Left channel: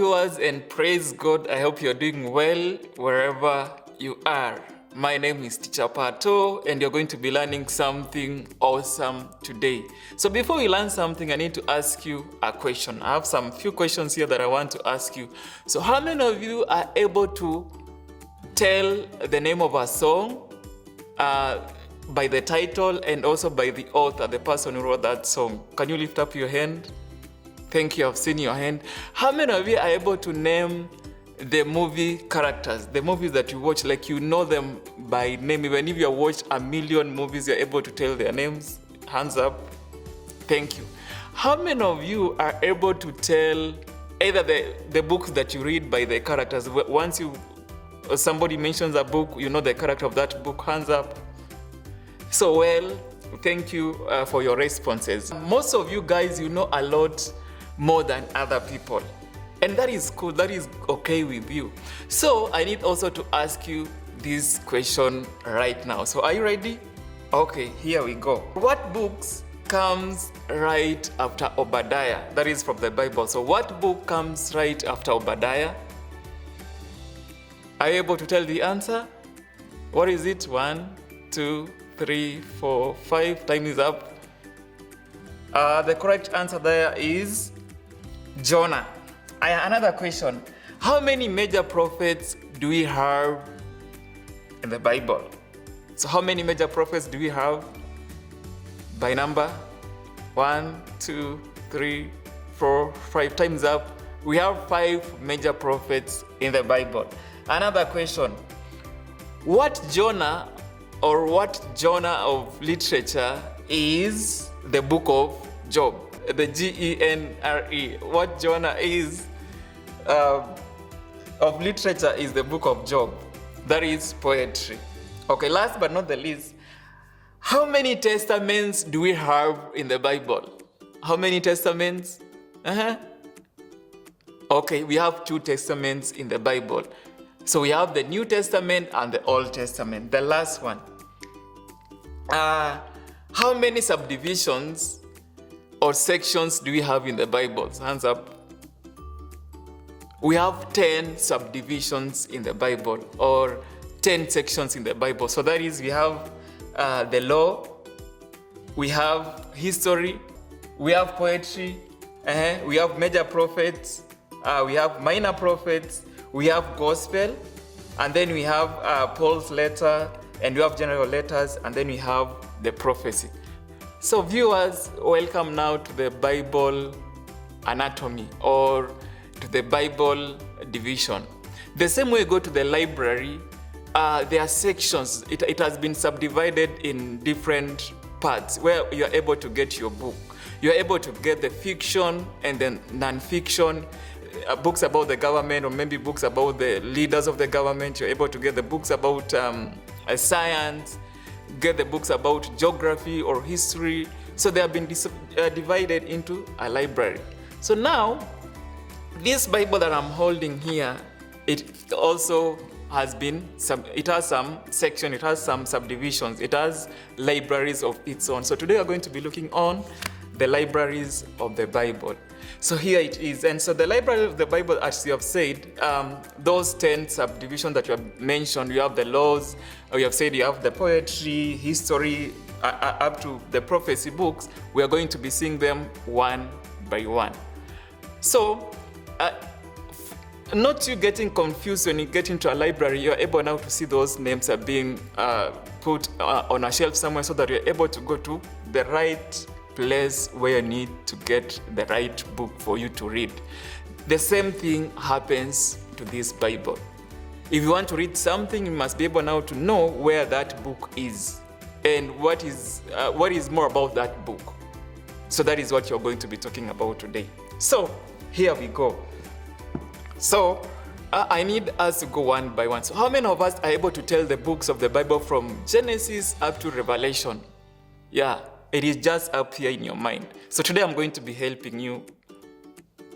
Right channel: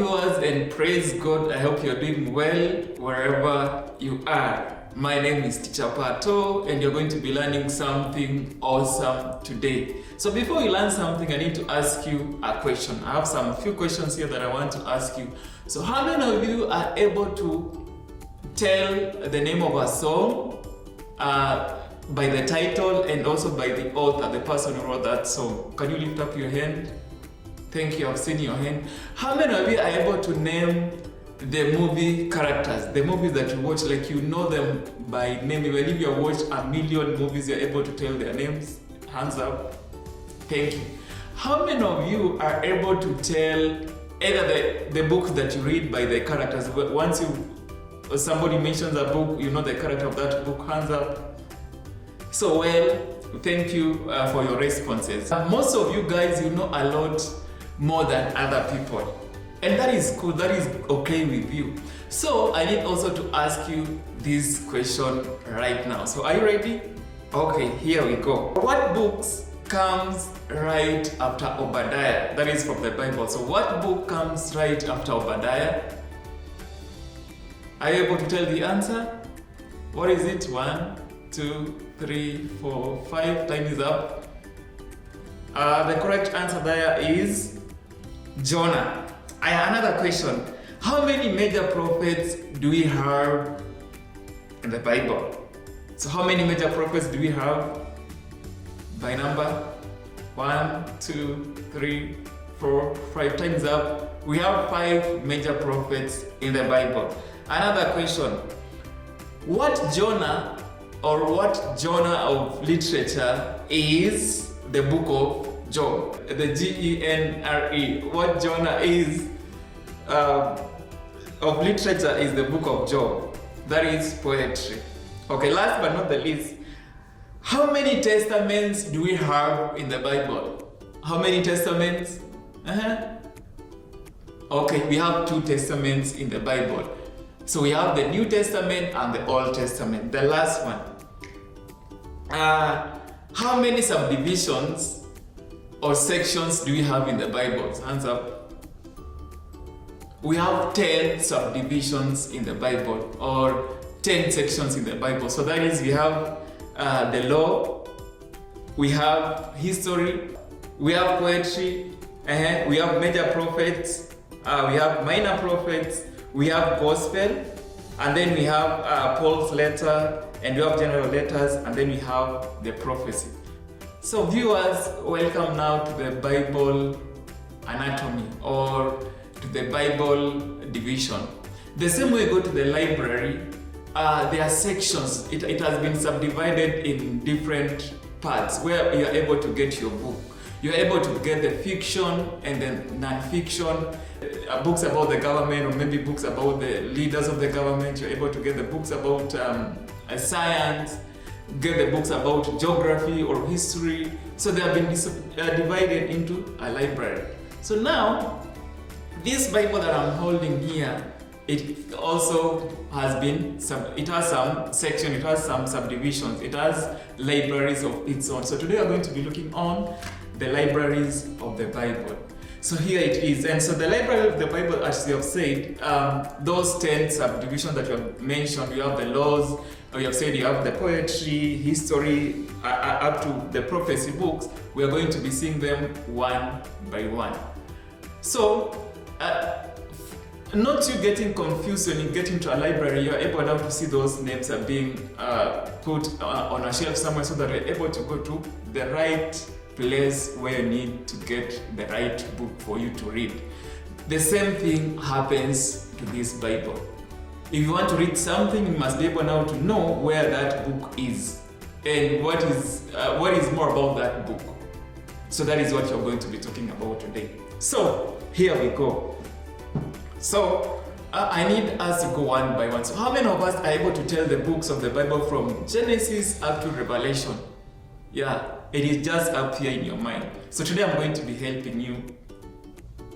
viewers, and praise God. I hope you're doing well wherever you are. My name is Teacher Pato, and you're going to be learning something awesome today. So before you learn something, I need to ask you a question. I have some few questions here that I want to ask you. So how many of you are able to tell the name of a song by the title and also by the author, the person who wrote that song? Can you lift up your hand? Thank you, I've seen your hand. How many of you are able to name the movie characters, the movies that you watch, like you know them by name? Even if you have watched a million movies, you're able to tell their names? Hands up. Thank you. How many of you are able to tell either the books that you read by the characters? Once somebody mentions a book, you know the character of that book? Hands up. So well, thank you for your responses. Most of you guys, you know a lot more than other people, and that is cool, that is okay with you. So I need also to ask you this question right now. So are you ready? Okay, here we go. What books comes right after Obadiah? That is from the Bible. So what book comes right after Obadiah? Are you able to tell the answer? What is it? 1, 2, 3, 4, 5. Time is up. The correct answer there is Jonah. Another question. How many major prophets do we have in the Bible? So how many major prophets do we have by number? 1, 2, 3, 4, 5. Time's up. We have 5 major prophets in the Bible. Another question. What genre of literature is the book of Job? The G-E-N-R-E. What genre of literature is the book of Job? That is poetry. Okay, last but not the least, how many testaments do we have in the Bible? How many testaments? Okay, we have 2 testaments in the Bible. So we have the New Testament and the Old Testament. The last one. How many subdivisions or sections do we have in the Bible? Hands up. We have 10 subdivisions in the Bible, or 10 sections in the Bible. So that is, we have the law, we have history, we have poetry, we have major prophets, we have minor prophets, we have gospel, and then we have Paul's letter, and we have general letters, and then we have the prophecy. So viewers, welcome now to the Bible anatomy, or to the Bible division. The same way you go to the library, there are sections. It has been subdivided in different parts where you're able to get your book. You're able to get the fiction and then non-fiction, books about the government, or maybe books about the leaders of the government. You're able to get the books about science, get the books about geography or history. So they have been divided into a library. So now, this Bible that I'm holding here, it also has been, it has some section, it has some subdivisions, it has libraries of its own. So today we're going to be looking on the libraries of the Bible. So here it is. And so the library of the Bible, as you have said, those 10 subdivisions that you have mentioned, you have the laws, you have said you have the poetry, history, up to the prophecy books. We are going to be seeing them one by one. So, not you getting confused when you get into a library, you're able now to see those names are being put on a shelf somewhere, so that you're able to go to the right place where you need to get the right book for you to read. The same thing happens to this Bible. If you want to read something, you must be able now to know where that book is and what is more about that book. So that is what you're going to be talking about today. So here we go. So I need us to go one by one. So how many of us are able to tell the books of the Bible from Genesis up to Revelation? Yeah, it is just up here in your mind. So today I'm going to be helping you,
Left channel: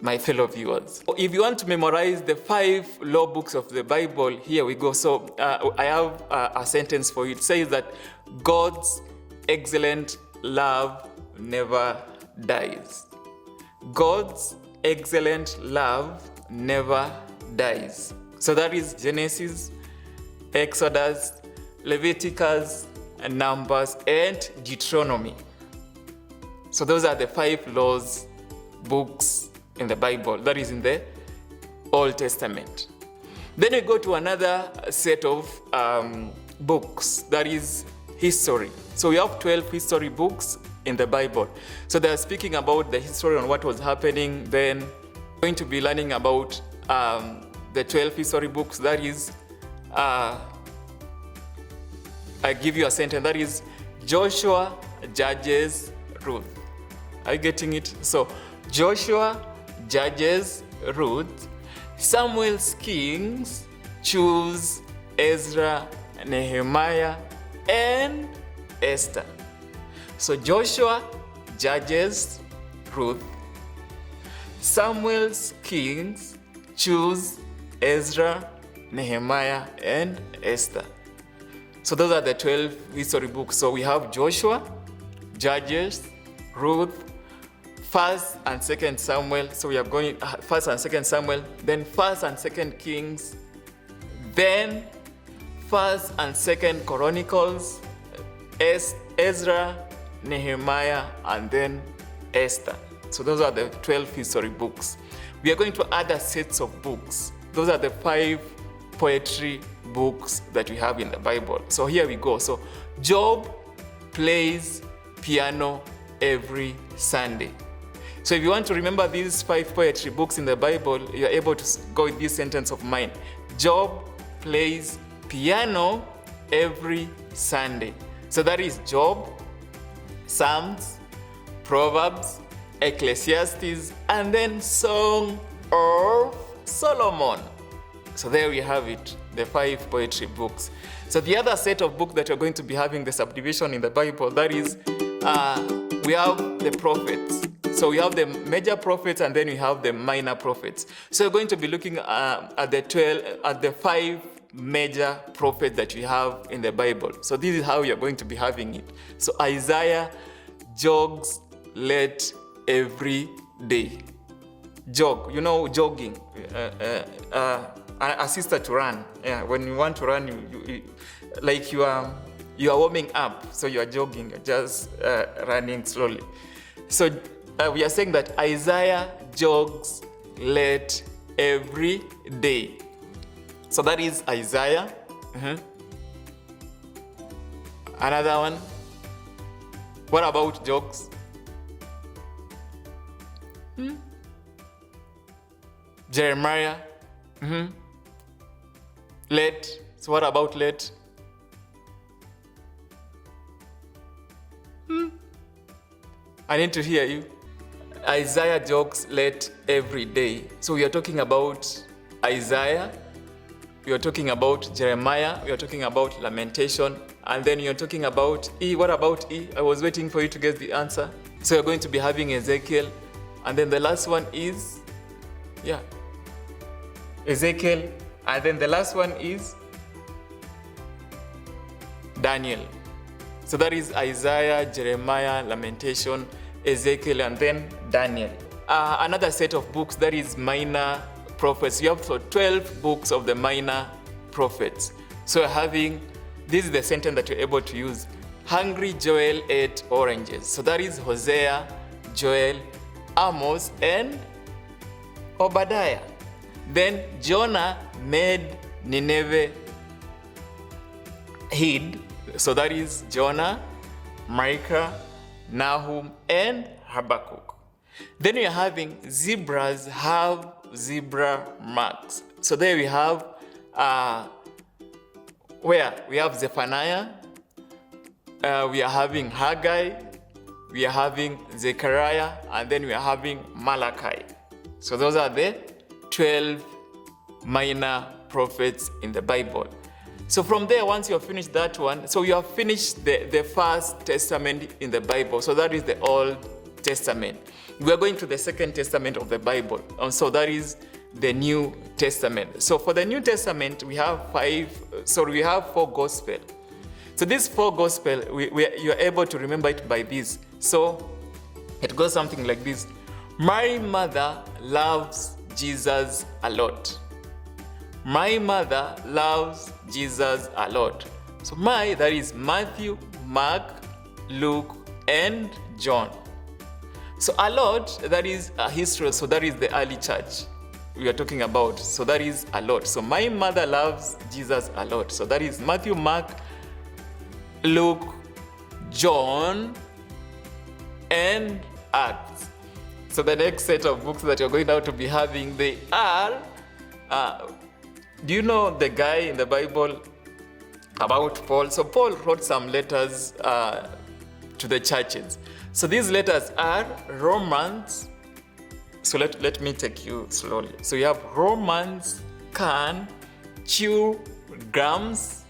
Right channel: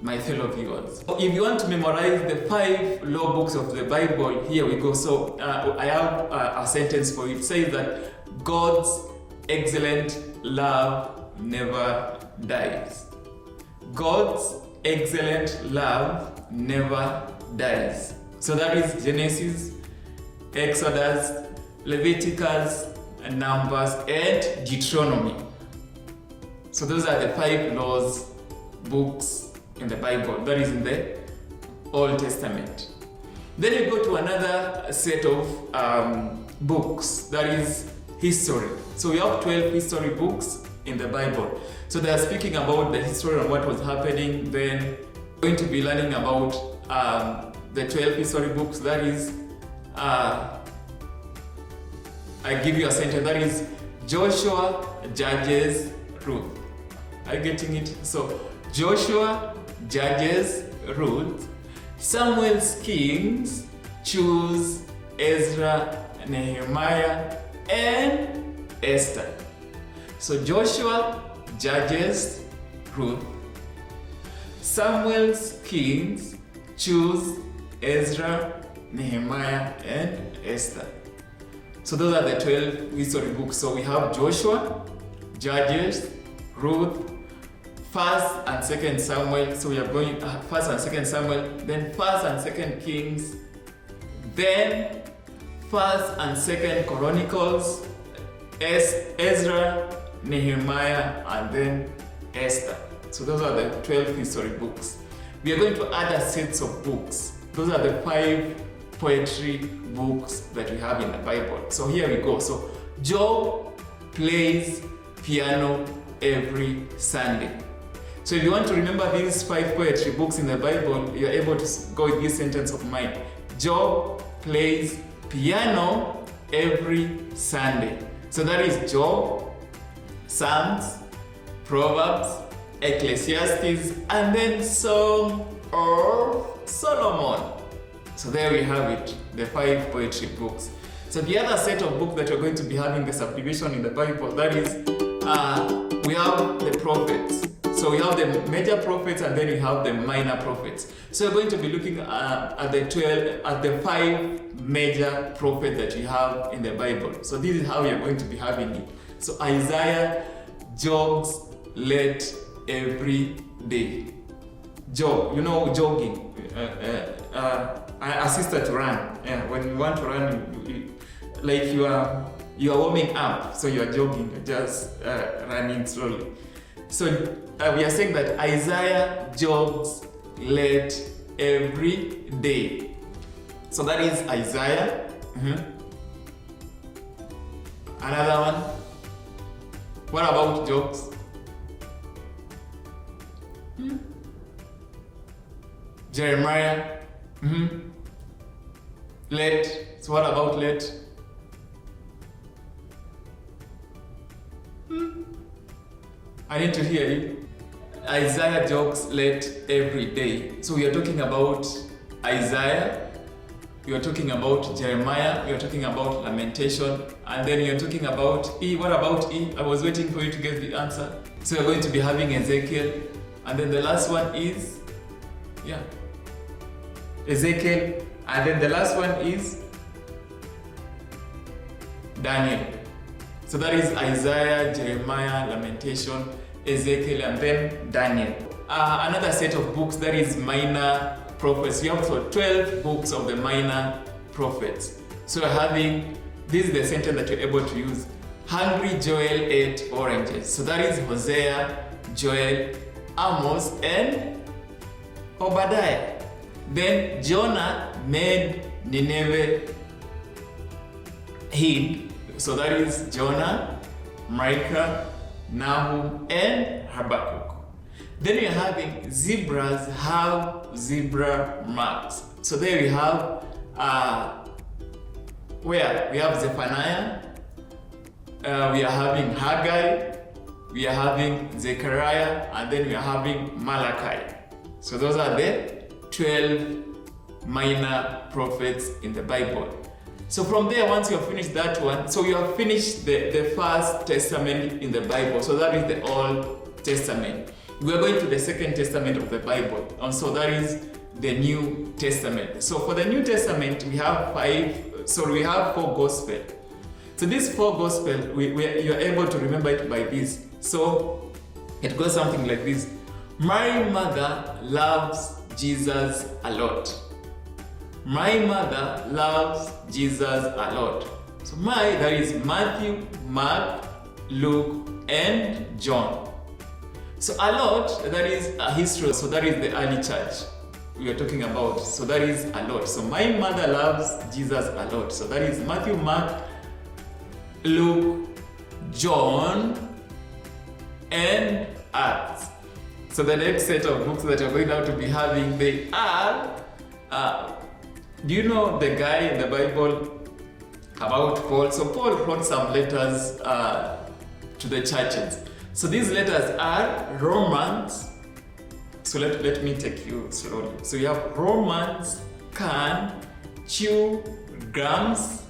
my fellow viewers. If you want to memorize the 5 law books of the Bible, here we go. So I have a sentence for you. It says that God's excellent love never dies. God's excellent love never dies. So that is Genesis, Exodus, Leviticus, and Numbers, and Deuteronomy. So those are the 5 laws books in the Bible, that is in the Old Testament. Then you go to another set of books, that is history. So we have 12 history books in the Bible. So they are speaking about the history on what was happening. Then we're going to be learning about the 12 history books. That is, I give you a sentence, that is Joshua, Judges, Ruth. Are you getting it? So Joshua, Judges, Ruth, Samuel's Kings, Choose, Ezra, Nehemiah, and Esther. So Joshua, Judges, Ruth, Samuel's Kings, Choose, Ezra, Nehemiah, and Esther. So those are the 12 history books. So we have Joshua, Judges, Ruth, 1st and 2nd Samuel. So we are going 1st and 2nd Samuel, then 1st and 2nd Kings, then 1st and 2nd Chronicles, Ezra, Nehemiah, and then Esther. So those are the 12 history books. We are going to add a set of books. Those are the 5 poetry books that we have in the Bible. So here we go. So Job plays piano every Sunday. So if you want to remember these 5 poetry books in the Bible, you're able to go with this sentence of mine. Job plays piano every Sunday. So that is Job, Psalms, Proverbs, Ecclesiastes, and then Song of Solomon. So there we have it, the 5 poetry books. So the other set of books that we're going to be having the subdivision in the Bible, that is, we have the prophets. So we have the major prophets and then we have the minor prophets. So we're going to be looking at the 5 major prophets that we have in the Bible. So this is how we are going to be having it. So Isaiah jogs late every day. Jog, you know, jogging. Assist to run. Yeah, when you want to run, like you are warming up, so you are jogging, you're just running slowly. So we are saying that Isaiah jogs late every day. So that is Isaiah. Another one. What about jogs? Jeremiah. Late. So what about late? I need to hear you. Isaiah jogs late every day. So we are talking about Isaiah, we are talking about Jeremiah, we are talking about Lamentation, and then you're talking about E. What about E? I was waiting for you to get the answer. So you're going to be having Ezekiel, and then the last one is, Ezekiel, and then the last one is Daniel. So that is Isaiah, Jeremiah, Lamentation, Ezekiel, and then Daniel. Another set of books, that is minor prophets. You have 12 books of the minor prophets. So this is the sentence that you're able to use. Hungry Joel ate oranges. So that is Hosea, Joel, Amos, and Obadiah. Then Jonah made Nineveh hid. So that is Jonah, Micah, Nahum, and Habakkuk. Then you're having zebras have zebra marks. So there we have we have Zephaniah, we are having Haggai, we are having Zechariah, and then we are having Malachi. So those are the 12 minor prophets in the Bible. So from there, once you have finished that one, so you have finished the First Testament in the Bible. So that is the Old Testament. We are going to the Second Testament of the Bible. And so that is the New Testament. So for the New Testament, we have 4 Gospels. So these 4 Gospels, you're able to remember it by this. So it goes something like this. My mother loves Jesus a lot. My mother loves Jesus a lot. So my, that is Matthew, Mark, Luke, and John. So a lot, that is a history, so that is the early church we are talking about. So that is a lot. So my mother loves Jesus a lot. So that is Matthew, Mark, Luke, John, and Acts. So the next set of books that you're going now to be having, they are, do you know the guy in the Bible about Paul? So Paul wrote some letters to the churches. So these letters are Romans. So let me take you slowly. So you have Romans, can, chew, grams,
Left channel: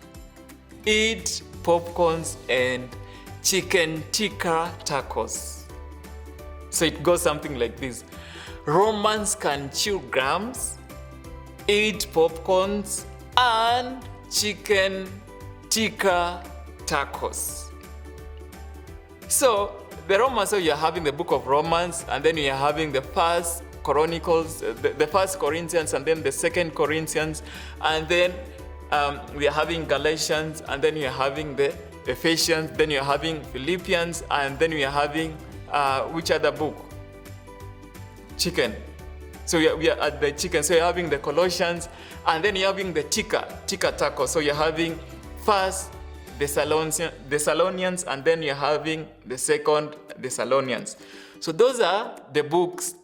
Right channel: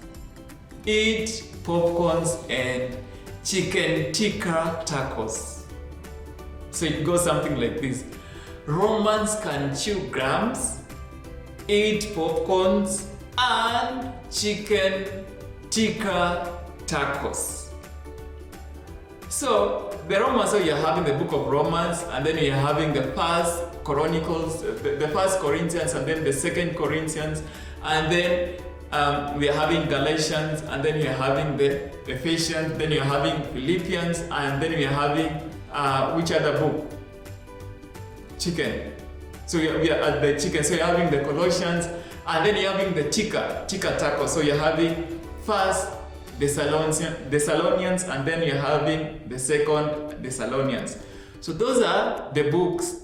eat popcorns, and chicken tikka tacos. So it goes something like this. Romans can chew grams, eat popcorns, and chicken tikka tacos. So the Romans, so you're having the book of Romans, and then you're having the first Chronicles, the first Corinthians, and then the second Corinthians, and then we are having Galatians, and then you're having the Ephesians, then you're having Philippians, and then we are having which other book? Chicken. So we are at the chicken. So you're having the Colossians, and then you're having the tikka taco. So you're having first Thessalonians, and then you're having the second Thessalonians. So those are the books,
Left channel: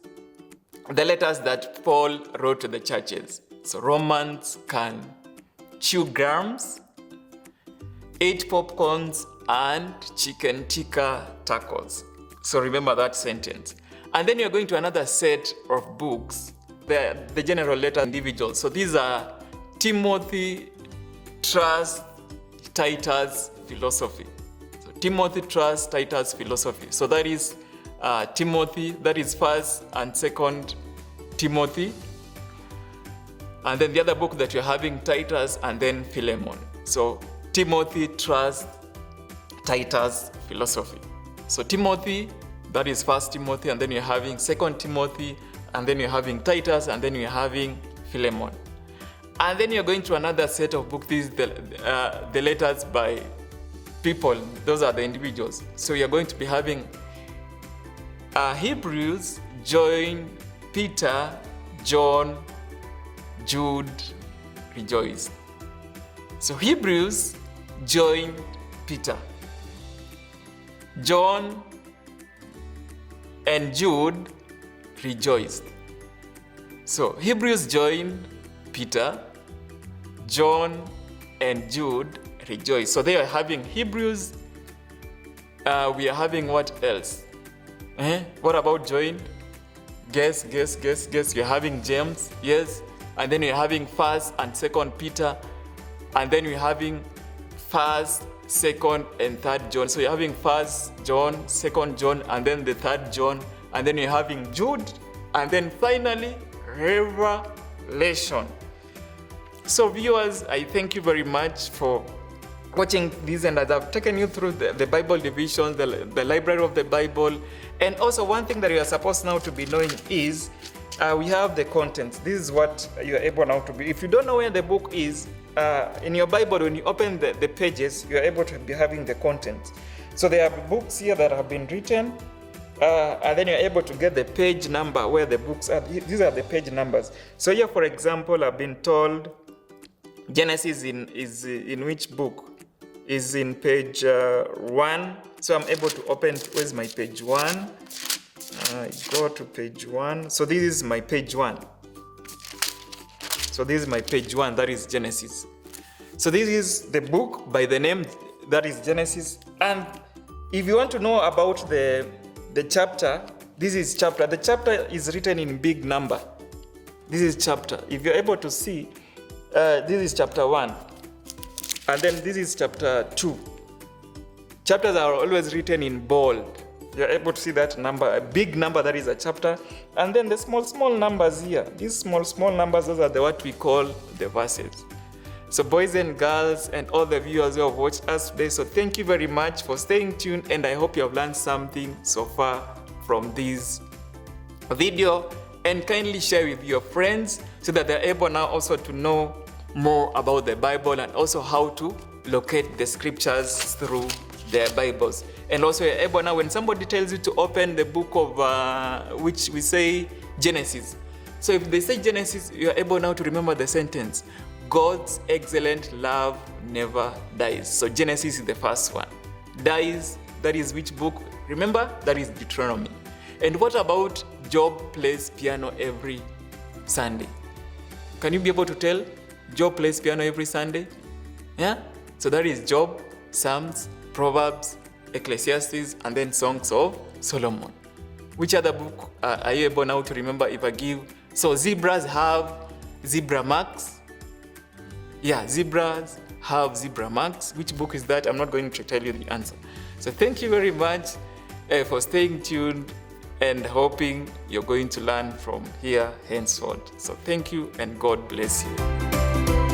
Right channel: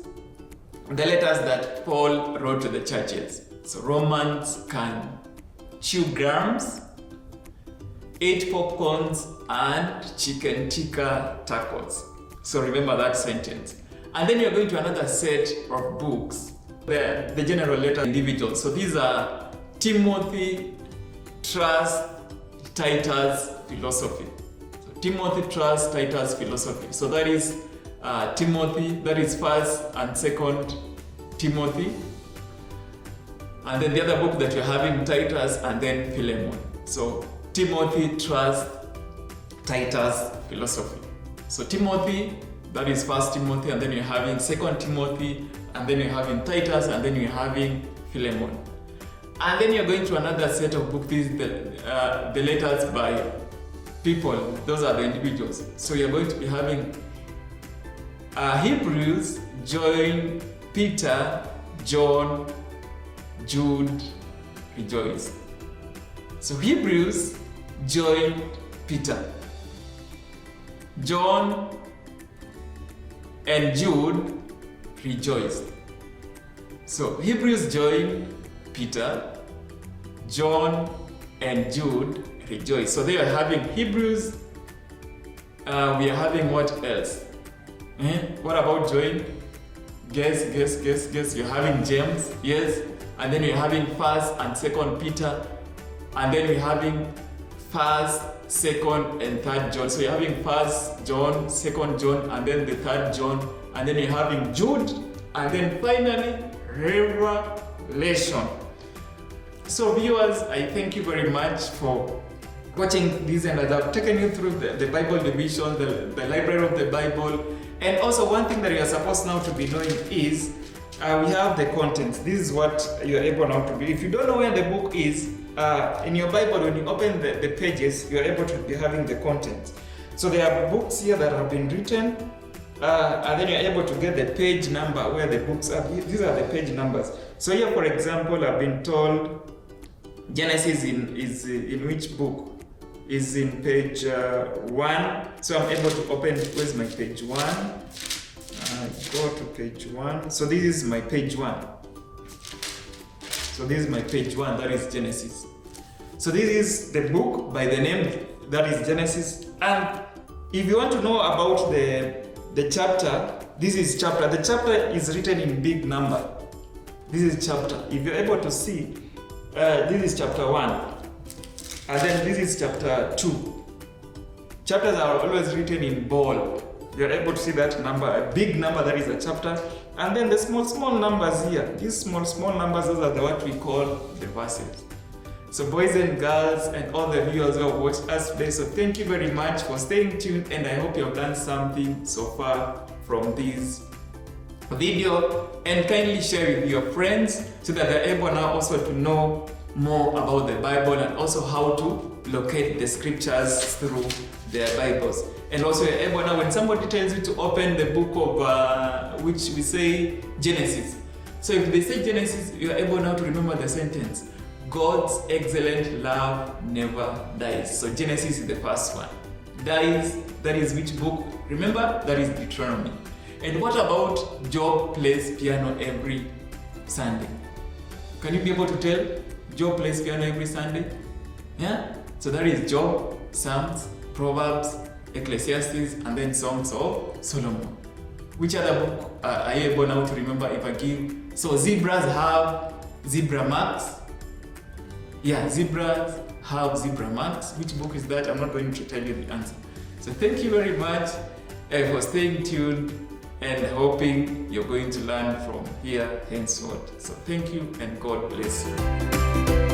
the letters that Paul wrote to the churches. So Romans can chew grams, eat popcorns, and chicken tikka tacos. So remember that sentence. And then you're going to another set of books, the general letter individuals. So these are Timothy, Trust, Titus, Philosophy. So Timothy, Trust, Titus, Philosophy. So that is Timothy, that is first and second Timothy. And then the other book that you're having, Titus, and then Philemon. So Timothy, Trust, Titus, Philosophy. So Timothy, that is first Timothy, and then you're having second Timothy, and then you're having Titus, and then you're having Philemon. And then you're going to another set of books, these the letters by people, those are the individuals. So you're going to be having Hebrews, John, Peter, John, Jude, rejoice. So Hebrews, John, Peter, John, and Jude rejoiced. So Hebrews, John, Peter, John, and Jude rejoice. So they are having Hebrews. We are having what else? What about John? Guess. You're having James, yes. And then you're having first and second Peter. And then you're having first, second, and third John. So you're having first John, second John, and then the third John. And then you're having Jude. And then finally, Revelation. So viewers, I thank you very much for watching this, and I've taken you through the Bible division, the library of the Bible. And also one thing that you are supposed now to be knowing is we have the contents. This is what you are able now to be. If you don't know where the book is, in your Bible, when you open the pages, you are able to be having the contents. So there are books here that have been written, and then you're able to get the page number where the books are. These are the page numbers. So here, for example, I've been told Genesis is in which book? Is in page 1. So I'm able to open, where's my page 1? Go to page 1. So this is my page 1. So this is my page 1, that is Genesis. So this is the book by the name that is Genesis. And if you want to know about the chapter, this is chapter. The chapter is written in big number. This is chapter. If you're able to see, this is chapter 1. And then this is chapter 2. Chapters are always written in bold. You're able to see that number, a big number, that is a chapter. And then the small numbers here. These small numbers, those are what we call the verses. So boys and girls and all the viewers who have watched us today, so thank you very much for staying tuned, and I hope you have learned something so far from this video and kindly share with your friends so that they're able now also to know more about the Bible and also how to locate the scriptures through their Bibles. And also you're able now, when somebody tells you to open the book of which we say Genesis. So if they say Genesis, you're able now to remember the sentence, God's excellent love never dies. So Genesis is the first one. Dies, that is which book? Remember, that is Deuteronomy. And what about Job plays piano every Sunday? Can you be able to tell? Job plays piano every Sunday? Yeah? So that is Job, Psalms, Proverbs, Ecclesiastes, and then Songs of Solomon. Which other book are you able now to remember if I give? So zebras have zebra marks. Yeah, zebras have zebra marks. Which book is that? I'm not going to tell you the answer. So thank you very much for staying tuned and hoping you're going to learn from here henceforth. So thank you and God bless you.